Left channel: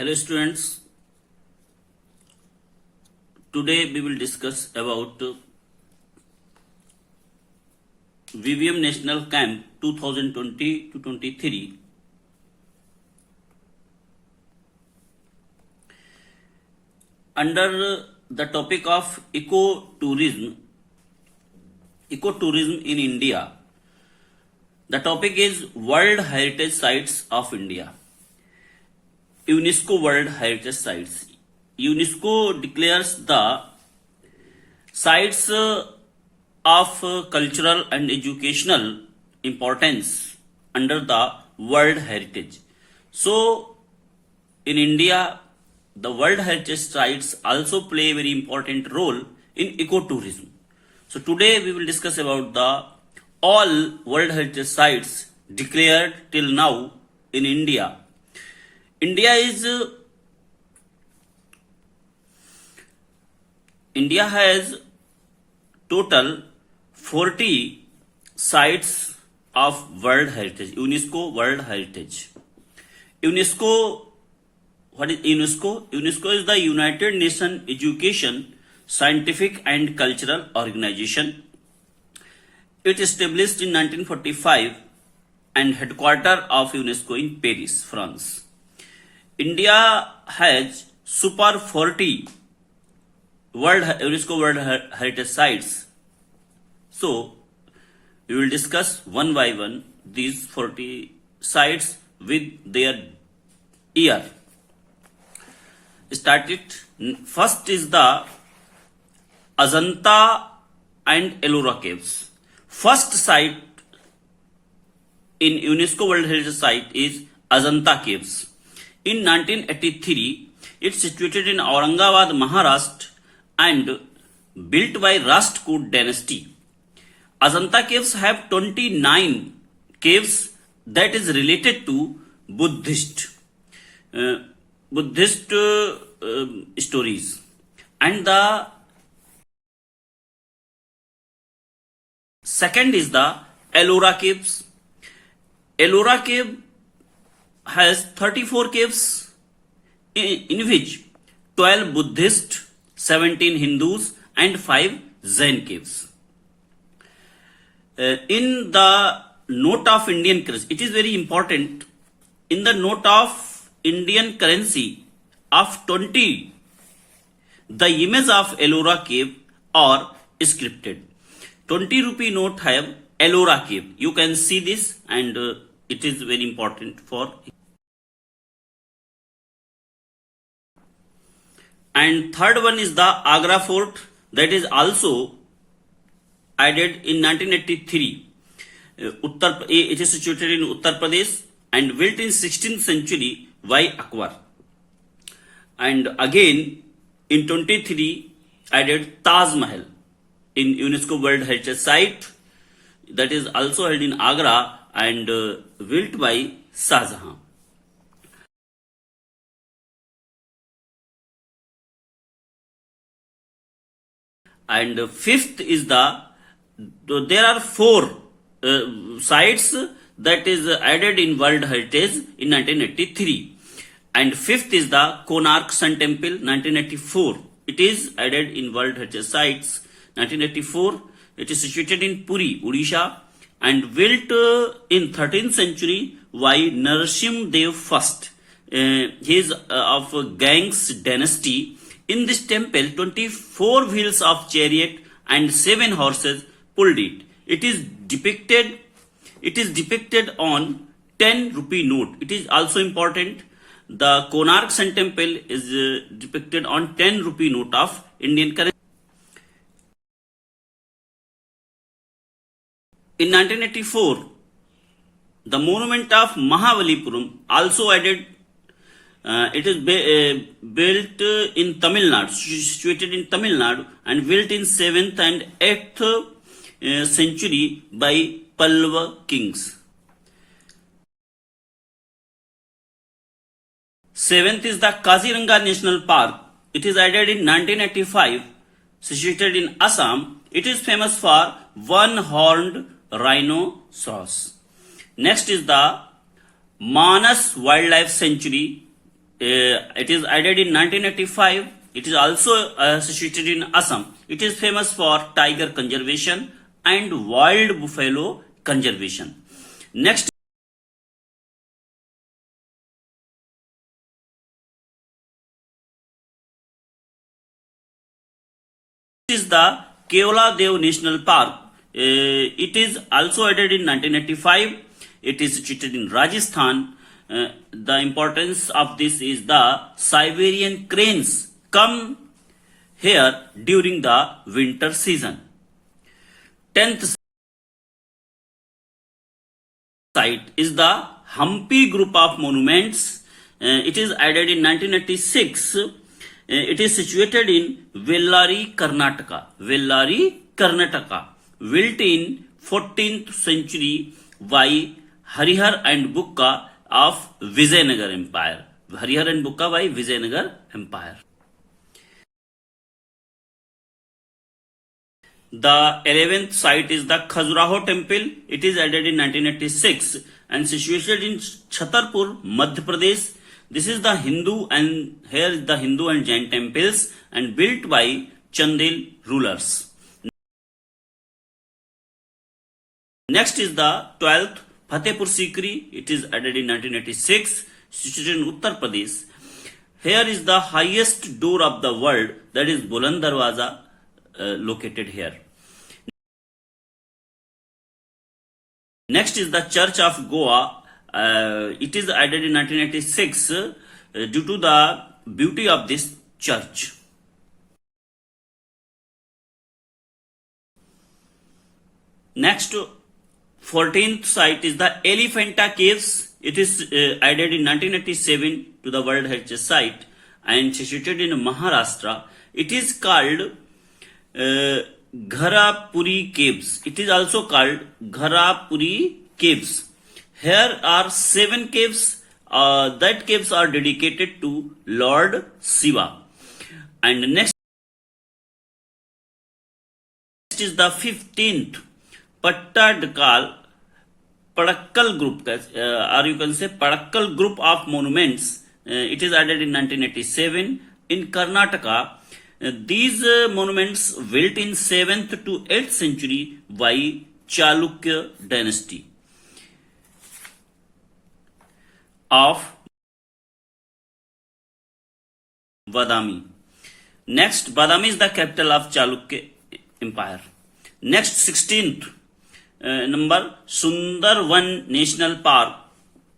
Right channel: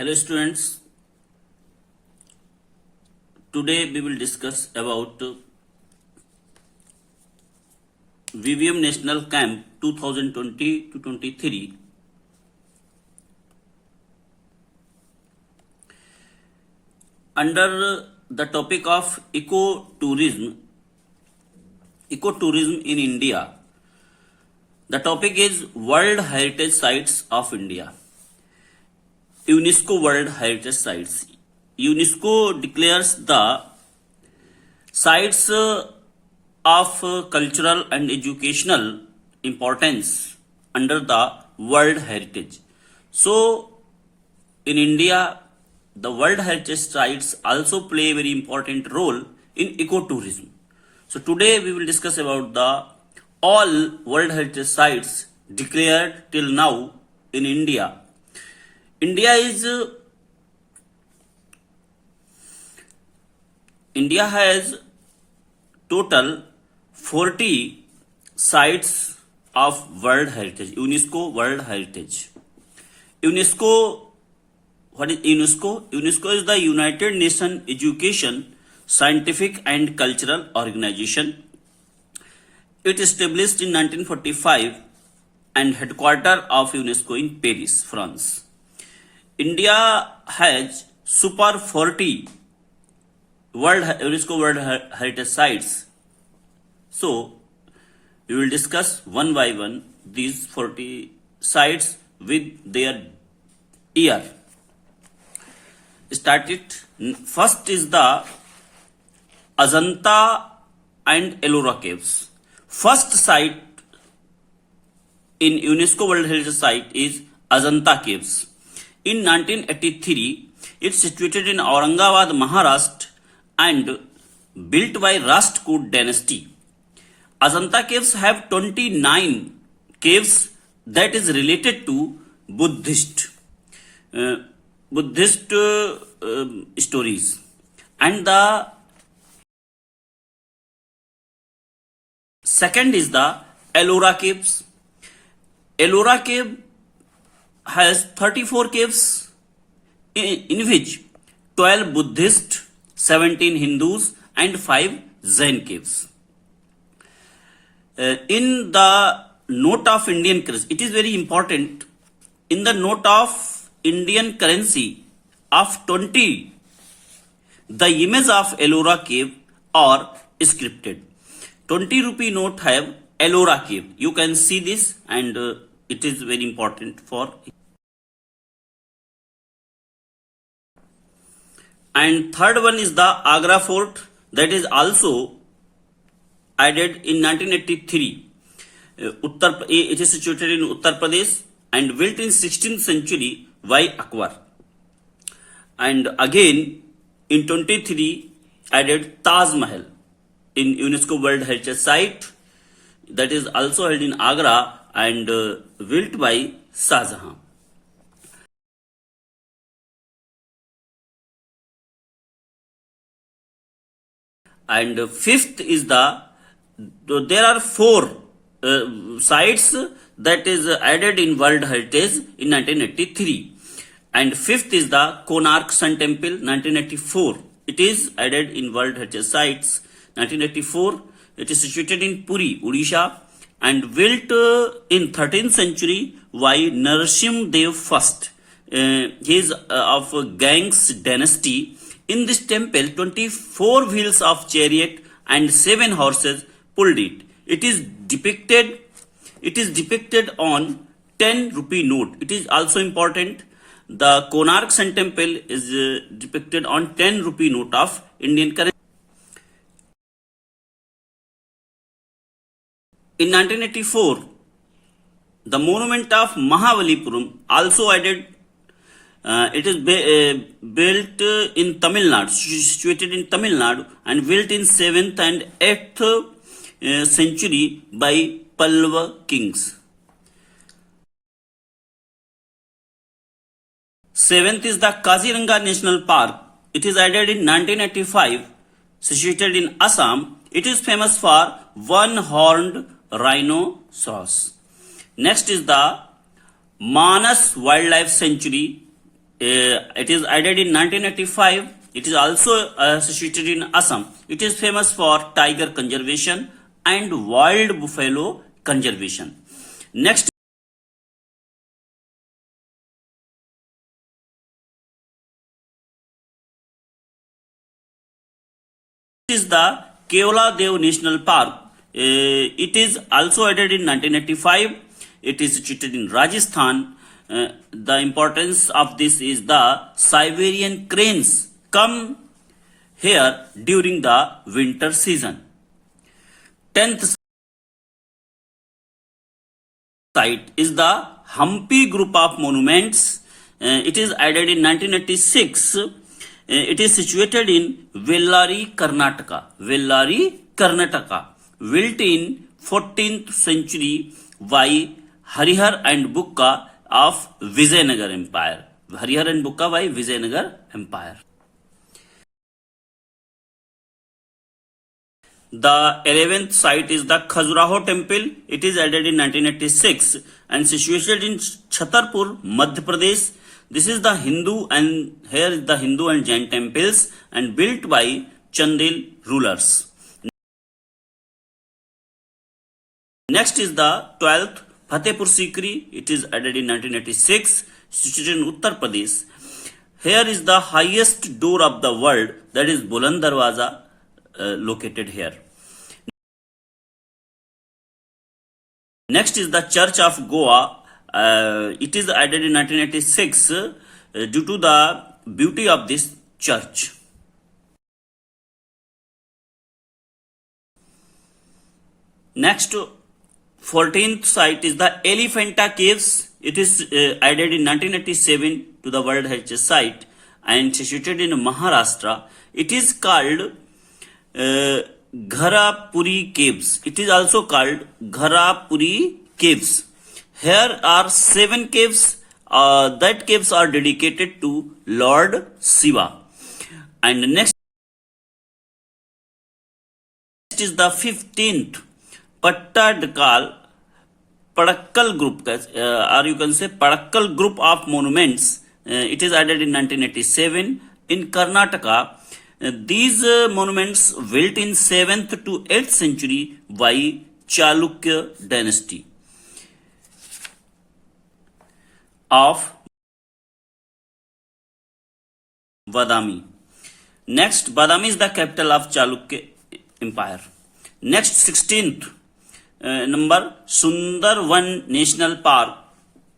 Hello students, today we will discuss about VVM National Camp 2020 to 23. Under the topic of ecotourism in India, the topic is World Heritage Sites of India. UNESCO World Heritage Sites. UNESCO declares the sites of cultural and educational importance under the World Heritage. So, in India, the World Heritage Sites also play a very important role in ecotourism. So, today we will discuss about the all World Heritage Sites declared till now in India. India has total 40 sites of World Heritage, UNESCO World Heritage. UNESCO, what is UNESCO? UNESCO is the United Nations Education, Scientific and Cultural Organization. It established in 1945 and headquarters of UNESCO in Paris, France. India has super 40 UNESCO World Heritage Sites. So, we will discuss one by one these 40 sites with their year. First is the Ajanta and Ellora Caves. First site in UNESCO World Heritage Site is Ajanta Caves. In 1983, it's situated in Aurangabad, Maharashtra and built by Rashtrakoot dynasty. Ajanta Caves have 29 caves that is related to Buddhist stories. And the second is the Ellora Caves. Ellora Cave has 34 caves in which 12 Buddhist, 17 Hindus and 5 Jain caves. In the note of Indian currency, it is very important, in the note of Indian currency of 20, the image of Ellora Cave are scripted. 20 rupee note have Ellora Cave. You can see this and it is very important for. And third one is the Agra Fort, that is also added in 1983. It is situated in Uttar Pradesh and built in 16th century by Akbar. And again in 23 added Taj Mahal in UNESCO World Heritage Site, that is also held in Agra and built by Shah Jahan. And fifth is there are 4 sites that is added in World Heritage in 1983. And fifth is the Konark Sun Temple, 1984. It is added in World Heritage Sites, 1984. It is situated in Puri, Odisha, and built in 13th century by Narasimha Dev I. He is of Gangs dynasty. In this temple, 24 wheels of chariot and 7 horses pulled it. It is depicted on 10 rupee note. It is also important. The Konark Sun Temple is depicted on 10 rupee note of Indian currency. In 1984, the monument of Mahabalipuram also added. It is built in Tamil Nadu, situated in Tamil Nadu, and built in 7th and 8th century by Pallava kings. 7th is the Kaziranga National Park. It is added in 1985, situated in Assam. It is famous for one-horned rhinoceros. Next is the Manas Wildlife Sanctuary, it is added in 1985. It is also situated in Assam. It is famous for tiger conservation and wild buffalo conservation. Next is the Keola Dev National Park. It is also added in 1985. It is situated in Rajasthan. The importance of this is the Siberian cranes come here during the winter season. 10th site is the Hampi group of monuments. It is added in 1986. It is situated in Vellari, Karnataka. Vellari, Karnataka. Built in 14th century by Harihar and Bukka of Vijayanagar Empire. Harihar and Bukka by Vijayanagar Empire. The 11th site is the Khajuraho temple. It is added in 1986 and situated in Chhatarpur, Madhya Pradesh. This is the Hindu and here is the Hindu and Jain temples and built by Chandil rulers. Next is the 12th Fatehpur Sikri. It is added in 1986, situated in Uttar Pradesh. Here is the highest door of the world, that is Buland Darwaza, located here. Next is the Church of Goa. It is added in 1986 due to the beauty of this church. Next, 14th site is the Elephanta Caves. It is added in 1987 to the World Heritage Site and situated in Maharashtra. It is called Gharapuri Caves. It is also called Gharapuri Caves. Here are 7 caves. That caves are dedicated to Lord Shiva. And next is the 15th Pattadkal Padakkal group, or you can say Padakkal group of monuments. It is added in 1987 in Karnataka. These monuments built in 7th to 8th century by Chalukya dynasty of Badami. Next, Badami is the capital of Chalukya Empire. Next, 16th number, Sundarvan National Park.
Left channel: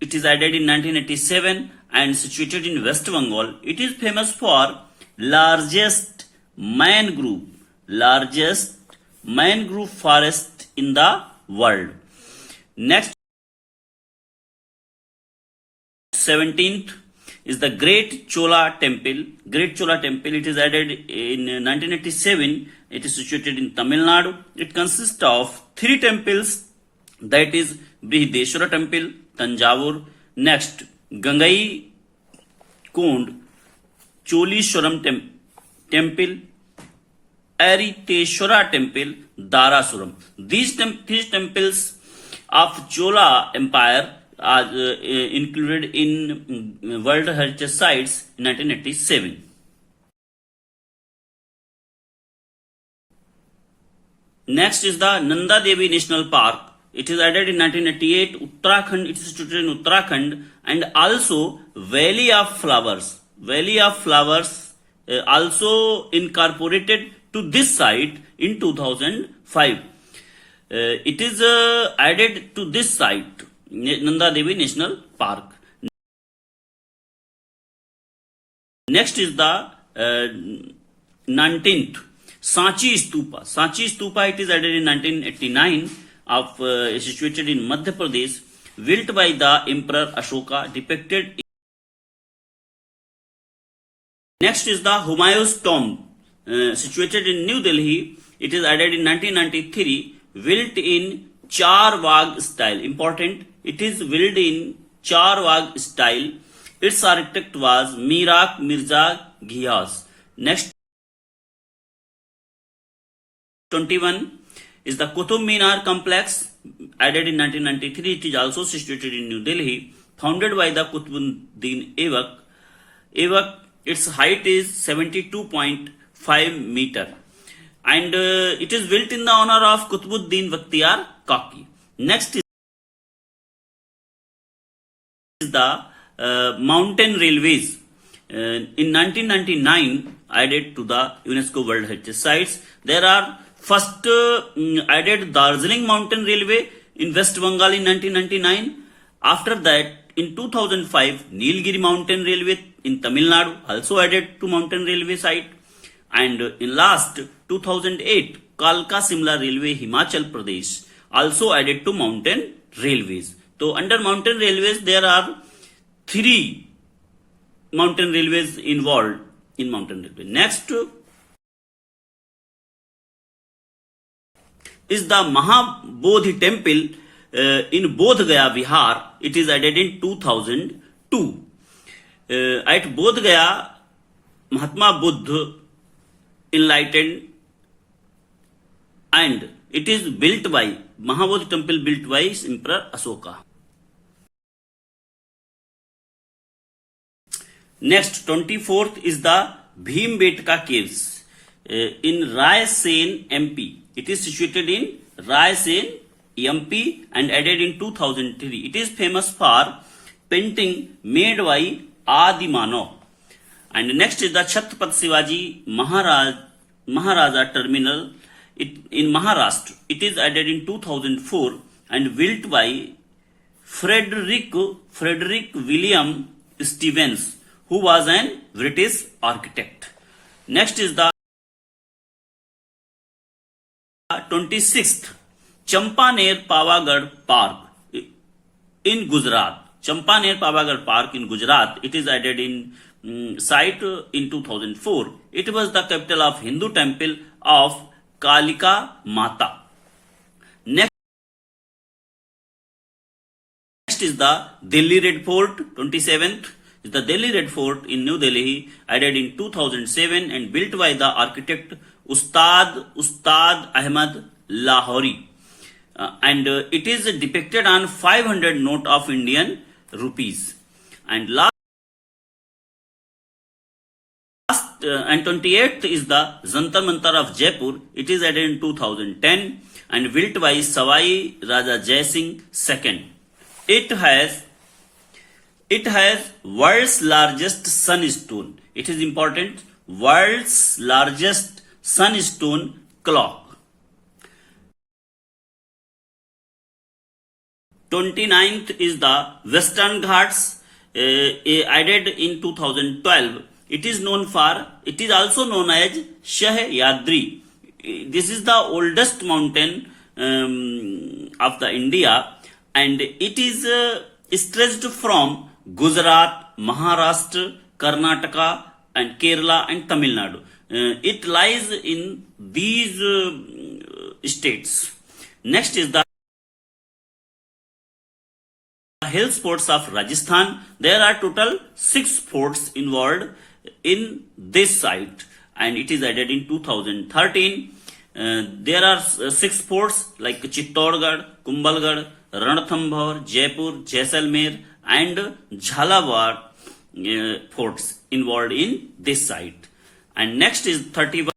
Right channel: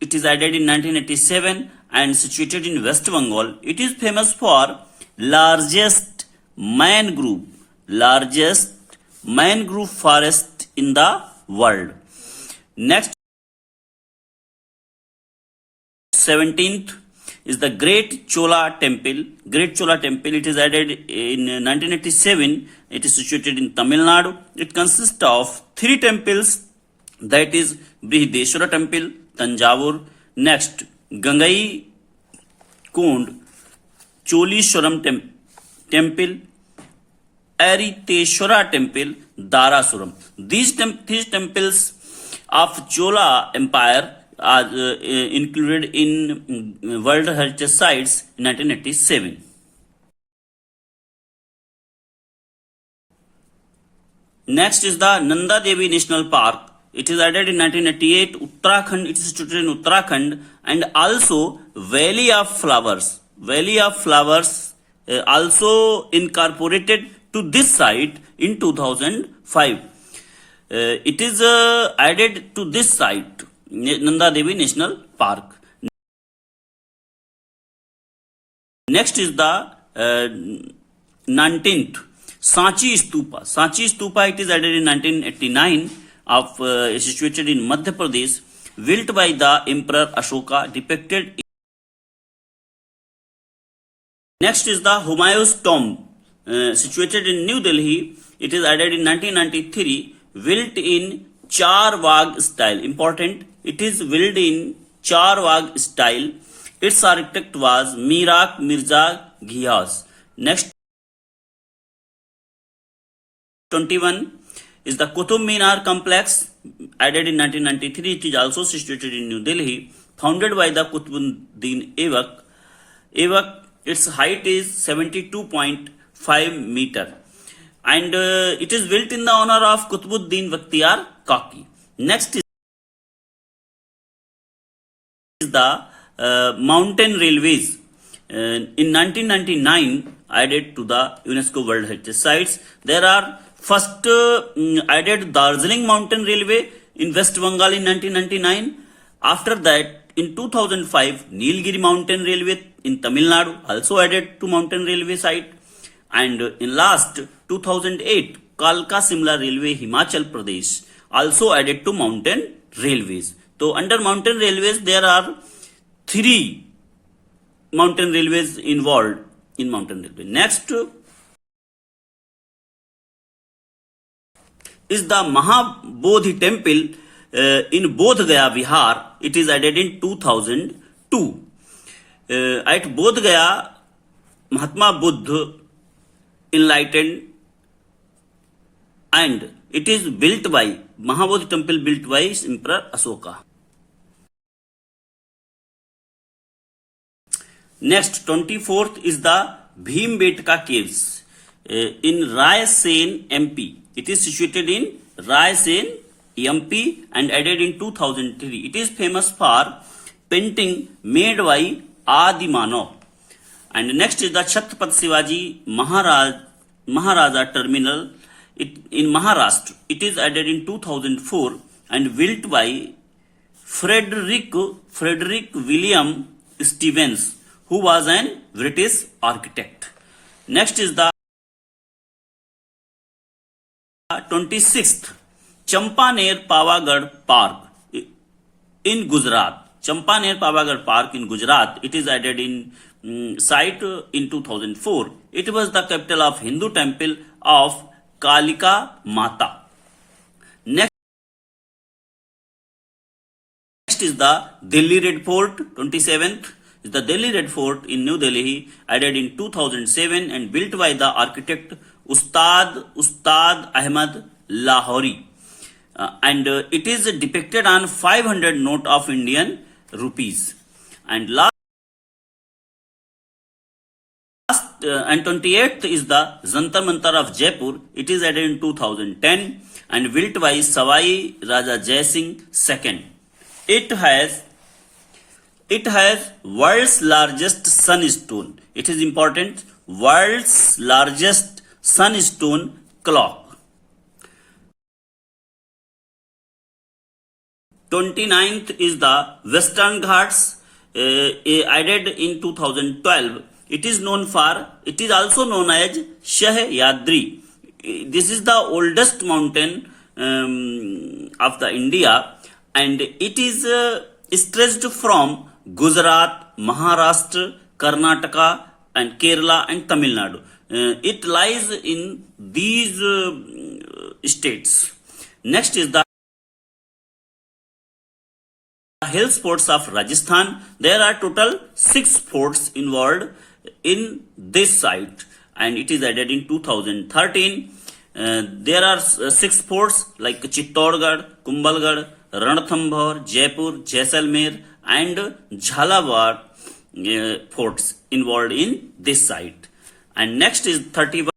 It is added in 1987 and situated in West Bengal. It is famous for largest mangrove forest in the world. Next, 17th is the Great Chola Temple. Great Chola Temple, it is added in 1987. It is situated in Tamil Nadu. It consists of 3 temples, that is Brihadeshwara Temple, Tanjavur. Next, Gangai Kond Cholishwaram Temple, Ariteshwara Temple, Darasuram. These temples of Chola Empire are included in World Heritage Sites in 1987. Next is the Nanda Devi National Park. It is added in 1988. Uttarakhand, it is situated in Uttarakhand, and also Valley of Flowers. Valley of Flowers also incorporated to this site in 2005. It is added to this site, Nanda Devi National Park. Next is the 19th Sanchi Stupa. Sanchi Stupa, it is added in 1989 of situated in Madhya Pradesh, built by the Emperor Ashoka, depicted. Next is the Humayun's tomb, situated in New Delhi. It is added in 1993, built in Char Bagh style. Important, it is built in Char Bagh style. Its architect was Mirak Mirza Ghiyas. Next, 21 is the Qutub Minar complex, added in 1993. It is also situated in New Delhi, founded by the Qutbuddin Aibak. Its height is 72.5 meter, and it is built in the honor of Qutbuddin Bakhtiyar Kaki. Next is the mountain railways. In 1999 added to the UNESCO World Heritage Sites. There are first added Darjeeling Mountain Railway in West Bengal in 1999. After that, in 2005, Nilgiri Mountain Railway in Tamil Nadu also added to mountain railway site. And in last 2008, Kalka Simla Railway Himachal Pradesh also added to mountain railways. So under mountain railways there are 3 mountain railways involved in mountain railway. Next is the Mahabodhi temple in Bodh Gaya, Bihar. It is added in 2002. At Bodh Gaya, Mahatma Buddha enlightened, and it is built by Mahabodhi temple built by Emperor Ashoka. Next, 24th is the Bhimbetka caves in Raisen, MP. It is situated in Raisen, MP, and added in 2003. It is famous for painting made by Adi Manav. And next is the Chhatrapati Shivaji Maharaja Terminal in Maharashtra. It is added in 2004 and built by Frederick William Stevens, who was an British architect. Next is the 26th Champaner Pavagadh Park in Gujarat. Champaner Pavagadh Park in Gujarat. It is added in site in 2004. It was the capital of Hindu temple of Kalika Mata. Next is the Delhi Red Fort. 27th is the Delhi Red Fort in New Delhi, added in 2007 and built by the architect Ustad Ahmad Lahori. And it is depicted on 500 note of Indian rupees. And last and 28th is the Jantar Mantar of Jaipur. It is added in 2010 and built by Savai Raja Jai Singh II. It has world's largest sunstone. It is important. World's largest sunstone clock. 29th is the Western Ghats, added in 2012. It is also known as Sahyadri. This is the oldest mountain of the India, and it is stretched from Gujarat, Maharashtra, Karnataka, and Kerala and Tamil Nadu. It lies in these states. Next is the hill sports of Rajasthan. There are total 6 forts involved in this site, and it is added in 2013. There are 6 forts like Chittorgarh, Kumbhalgarh, Ranthambore, Jaipur, Jaisalmer, and Jhalawar forts involved in this site. And next is 31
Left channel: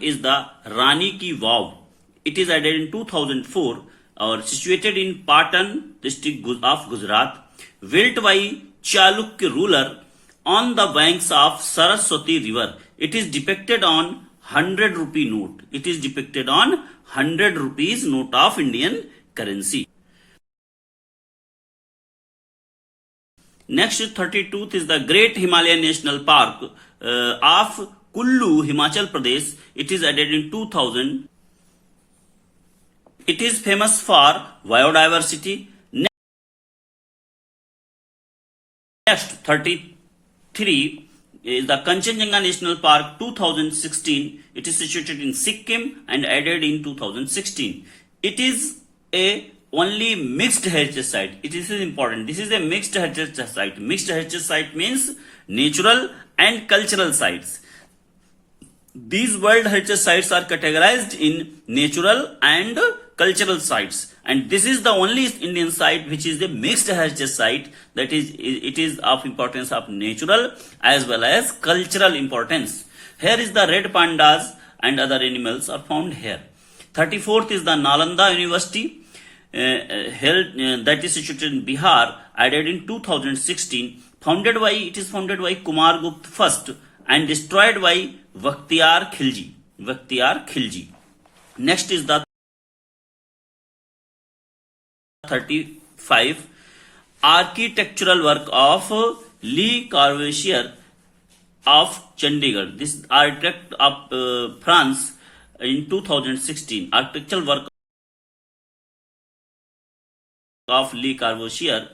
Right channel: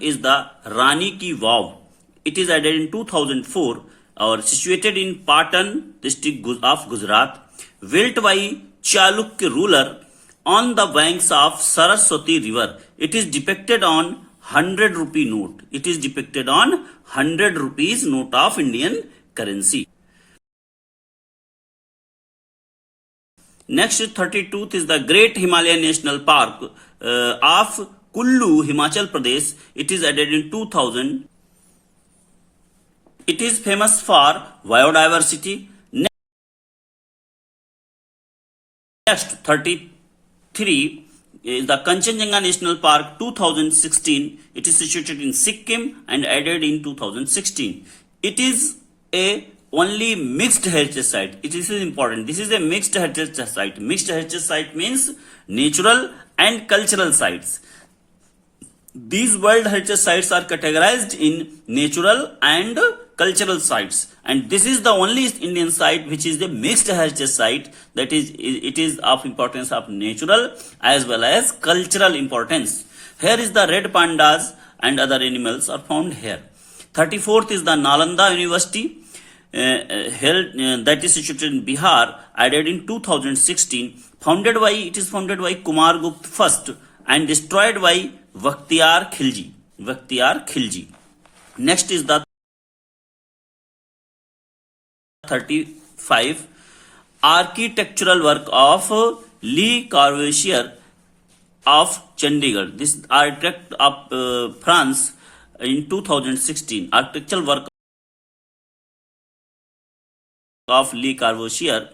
is the Rani Ki Vav. It is added in 2004 or situated in Patan district of Gujarat, built by Chalukya ruler on the banks of Saraswati river. It is depicted on 100 rupee note. It is depicted on 100 rupees note of Indian currency. Next, 32th is the Great Himalayan National Park of Kullu, Himachal Pradesh. It is added in 2000. It is famous for biodiversity. Next, 33 is the Kanchenjunga National Park 2016. It is situated in Sikkim and added in 2016. It is a only mixed heritage site. It is important. This is a mixed heritage site. Mixed heritage site means natural and cultural sites. These World Heritage Sites are categorized in natural and cultural sites, and this is the only Indian site which is the mixed heritage site, that is it is of importance of natural as well as cultural importance. Here is the red pandas and other animals are found here. 34th is the Nalanda University, that is situated in Bihar, added in 2016. It is founded by Kumar Gupta first and destroyed by Vakhtiyar Khilji. Next is the 35 architectural work of Le Corbusier of Chandigarh. This architect of France in 2016. Architectural work of Le Corbusier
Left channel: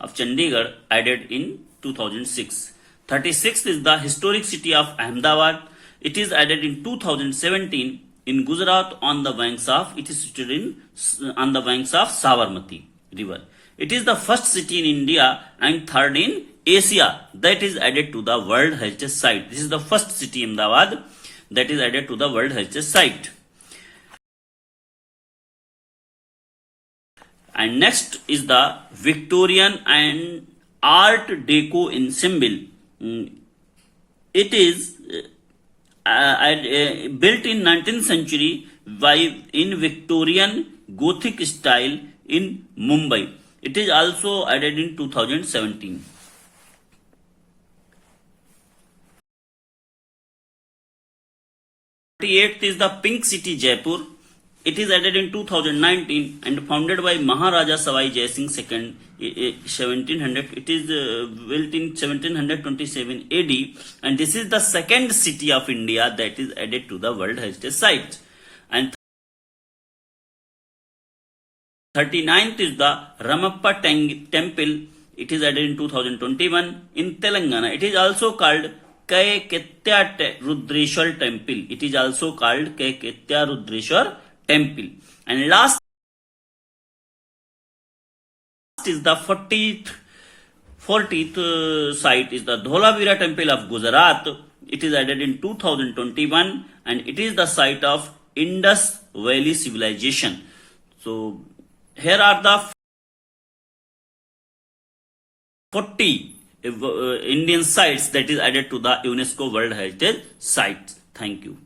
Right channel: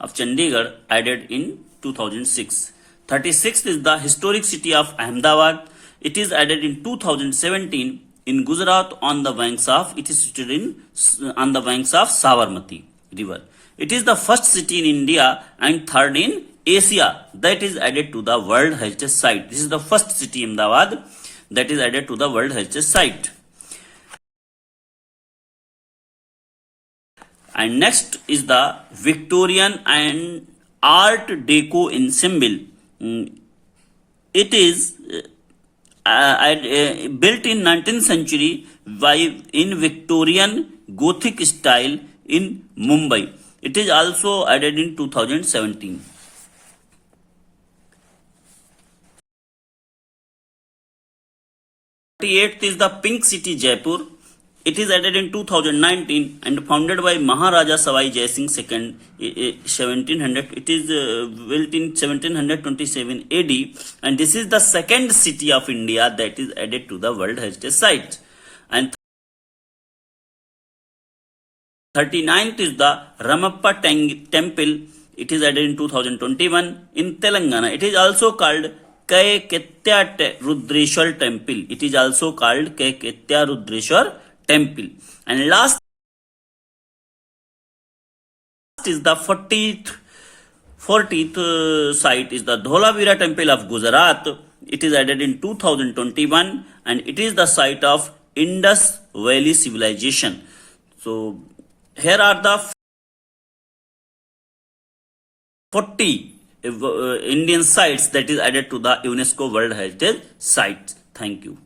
of Chandigarh added in 2006. 36th is the historic city of Ahmedabad. It is added in 2017 in Gujarat on the banks of Sabarmati river. It is the first city in India and third in Asia that is added to the World Heritage Site. This is the first city, Ahmedabad, that is added to the World Heritage Site. And next is the Victorian and Art Deco ensemble. It is built in 19th century in Victorian Gothic style in Mumbai. It is also added in 2017. Eighth is the Pink City, Jaipur. It is added in 2019 and founded by Maharaja Savai Jai Singh II, 1700. It is built in 1727 AD, and this is the second city of India that is added to the World Heritage Site. And 39th is the Ramappa Temple. It is added in 2021 in Telangana. It is also called Kaiketya Rudreshwar Temple. It is also called Kaiketya Rudreshwar Temple. And last is the 40th site is the Dholavira Temple of Gujarat. It is added in 2021 and it is the site of Indus Valley Civilization. So here are the 40 Indian sites that is added to the UNESCO World Heritage Site. Thank you.